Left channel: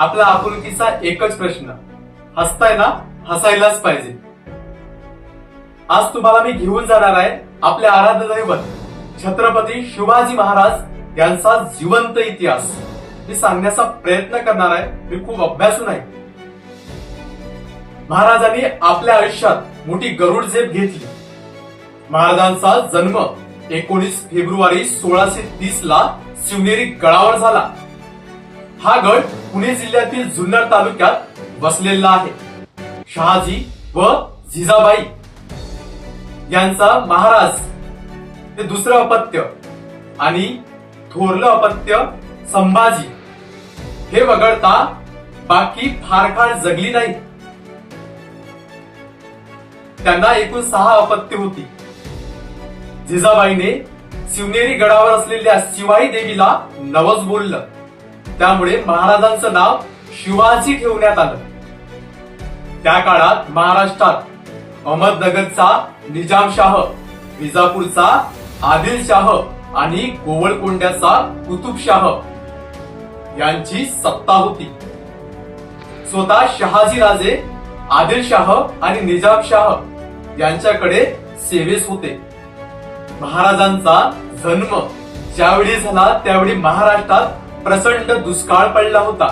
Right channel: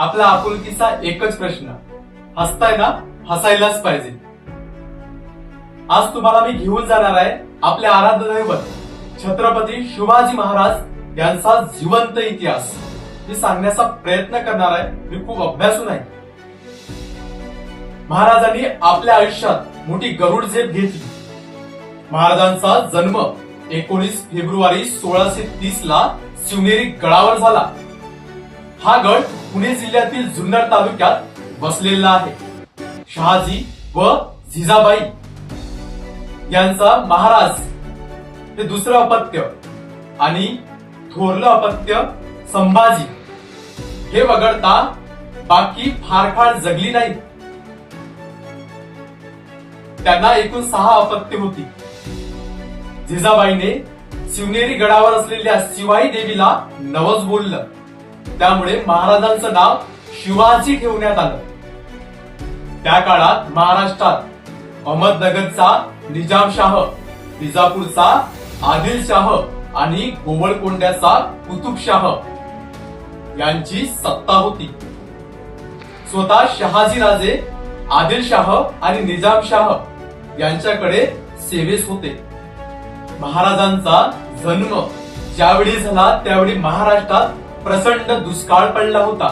आपला आपुलकीचा एकच प्रश्न, हसताय ना? हसायलाच पाहिजे. आज तुम्हाला मी घेऊन जाणार आहे आपले आराध्य दैवत छत्रपती शिवाजी महाराज यांचा जिवंत इतिहास मी सांगण्याचा प्रयत्न करणार आहे. मी खूप अभ्यासून आहे. महाराजांनी आपल्या आयुष्यात मोठी गरुड झेप घेतली. महाराजांचा जन्म 19 फेब्रुवारी 1630 ला शिवनेरी गडावर झाला. हा गड पुणे जिल्ह्यातील जुन्नर तालुक्यात वसलेला आहे. शहाजी व जिजाबाई यांचा महाराज हे दुसरं अपत्य आणि थोरलं अपत्य संभाजी हे वगळता बाकी फार काळ जगली नाही. त्यांना एकूण 6 अपत्य होती. जिजाबाईने शिवनेरी गडावर असलेल्या शिवाई देवीला नवस बोललं. त्यामुळे महाराजांचं नाव शिवाजी ठेवण्यात आलं. त्या काळात महाराष्ट्रात अहमदनगरचा निजामशाह, विजापूरचा आदिलशाह आणि गोवळकोंड्याचा कुतुबशाह यांची सत्ता होती. स्वतः शहाजीराजे आदिलशाह आणि निजामशाह यांच्याकडे सेवेस होते. महाराजांचा जन्म ज्यावेळी झाला त्यावेळी महाराष्ट्रात प्रचंड दुष्काळ पडला होता.